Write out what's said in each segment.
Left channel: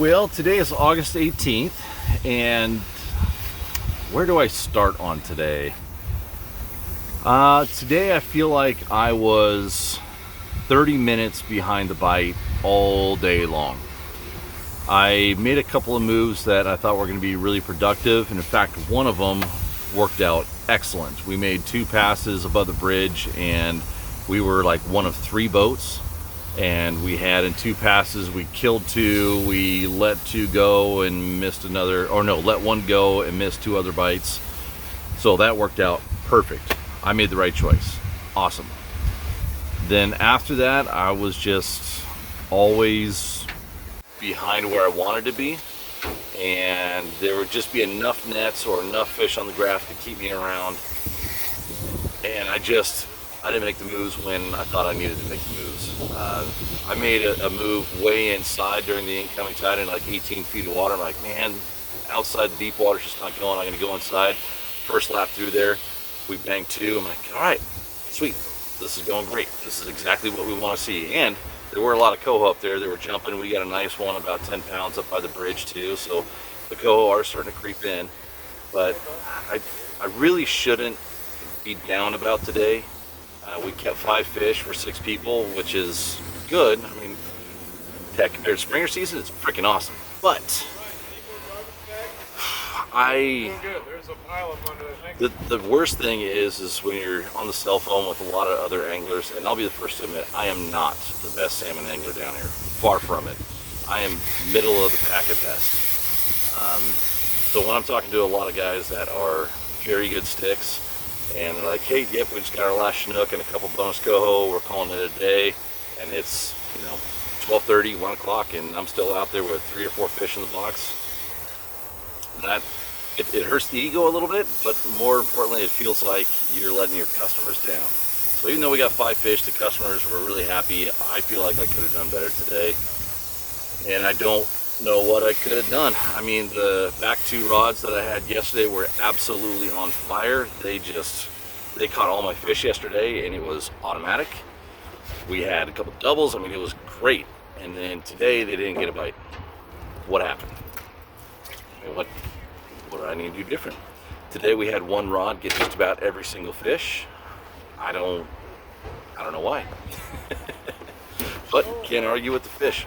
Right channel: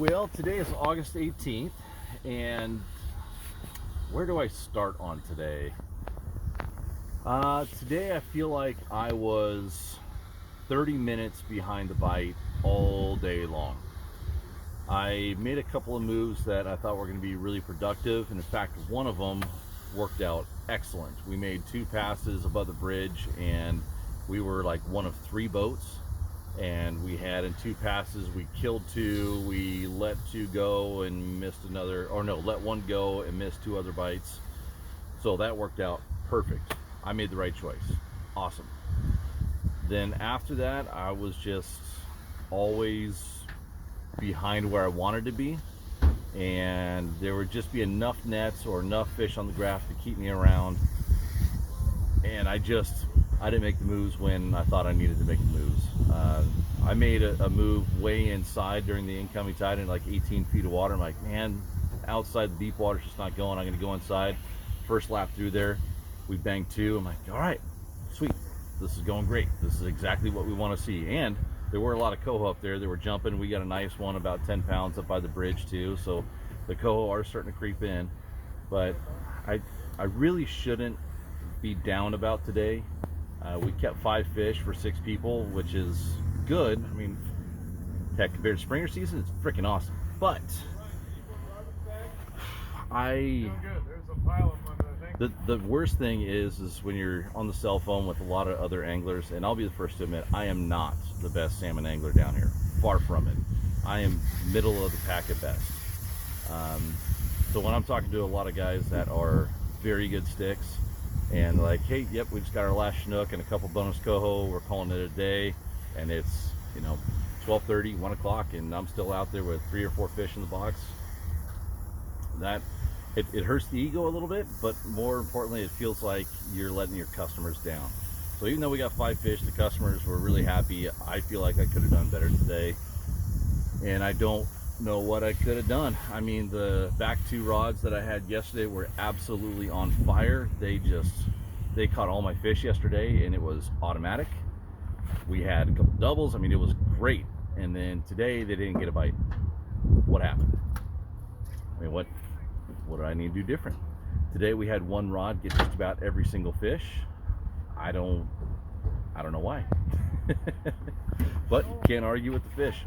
Well, today is August 18th, and where do I start on today? Today I feel like I was 30 minutes behind the bite all day long. I made a couple of moves that I thought were going to be really productive, and in fact, one of them worked out excellent. We made 2 passes above the bridge, and we were like one of 3 boats. And we had in 2 passes, we killed 2, we let 2 go and missed another, or no, let 1 go and missed 2 other bites. So that worked out perfect. I made the right choice. Awesome. Then after that, I was just always behind where I wanted to be. And there would just be enough nets or enough fish on the graph to keep me around. And I didn't make the moves when I thought I needed to make the moves. I made a move way inside during the incoming tide in like 18 feet of water. I'm like, man, outside the deep water's just not going. I'm gonna go inside. First lap through there, we banged 2. I'm like, all right, sweet. This is going great. This is exactly what we want to see. And there were a lot of coho up there. They were jumping. We got a nice one about 10 pounds up by the bridge too. So the coho are starting to creep in. But I really shouldn't be down about today. We kept 5 fish for 6 people, which is good. I mean, heck, compared to springer season, it's freaking awesome. But the worst thing is when you're on the cell phone with a lot of other anglers, and I'll be the first to admit, I am not the best salmon angler down here. Far from it. I am middle of the pack at best. So when I'm talking to a lot of guys that are very good sticks, and they're like, hey, yep, we just got our last Chinook and a couple bonus coho, we're calling it a day, and it's, 12:30, 1 o'clock, and I'm still out there with 3 or 4 fish in the box. And it hurts the ego a little bit, but more importantly, it feels like you're letting your customers down. So even though we got 5 fish, the customers were really happy. I feel like I could have done better today, and I don't know what I could have done. I mean, the back 2 rods that I had yesterday were absolutely on fire. They caught all my fish yesterday, and it was automatic. We had a couple doubles. I mean, it was great. And then today they didn't get a bite. What happened? I mean, what do I need to do different? Today we had 1 rod get just about every single fish. I don't know why. But can't argue with the fish.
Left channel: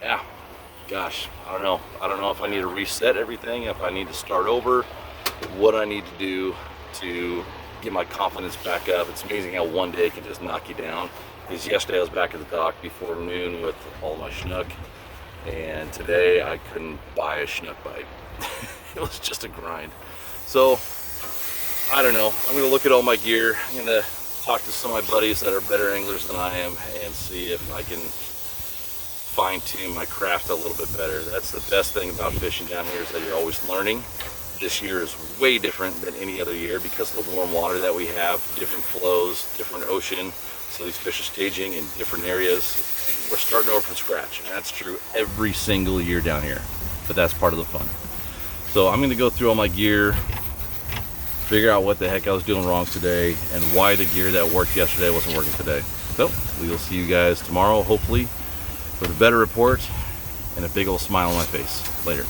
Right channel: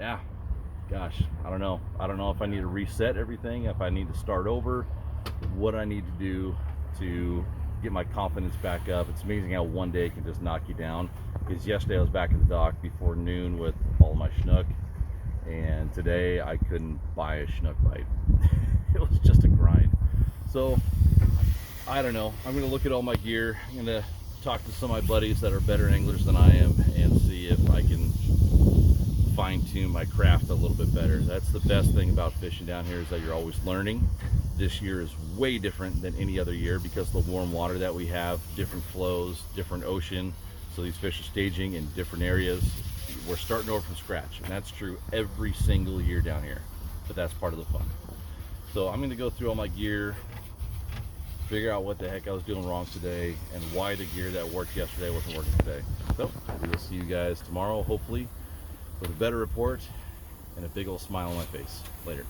Yeah, gosh, I don't know. I don't know if I need to reset everything, if I need to start over, what I need to do to get my confidence back up. It's amazing how one day can just knock you down. Because yesterday I was back at the dock before noon with all my Chinook, and today I couldn't buy a Chinook bite. It was just a grind. So, I don't know. I'm going to look at all my gear. I'm going to talk to some of my buddies that are better anglers than I am and see if I can fine-tune my craft a little bit better. That's the best thing about fishing down here, is that you're always learning. This year is way different than any other year because of the warm water that we have, different flows, different ocean. So these fish are staging in different areas. We're starting over from scratch, and that's true every single year down here, but that's part of the fun. So I'm going to go through all my gear, figure out what the heck I was doing wrong today and why the gear that worked yesterday wasn't working today. So we will see you guys tomorrow, hopefully, with a better report and a big old smile on my face. Later.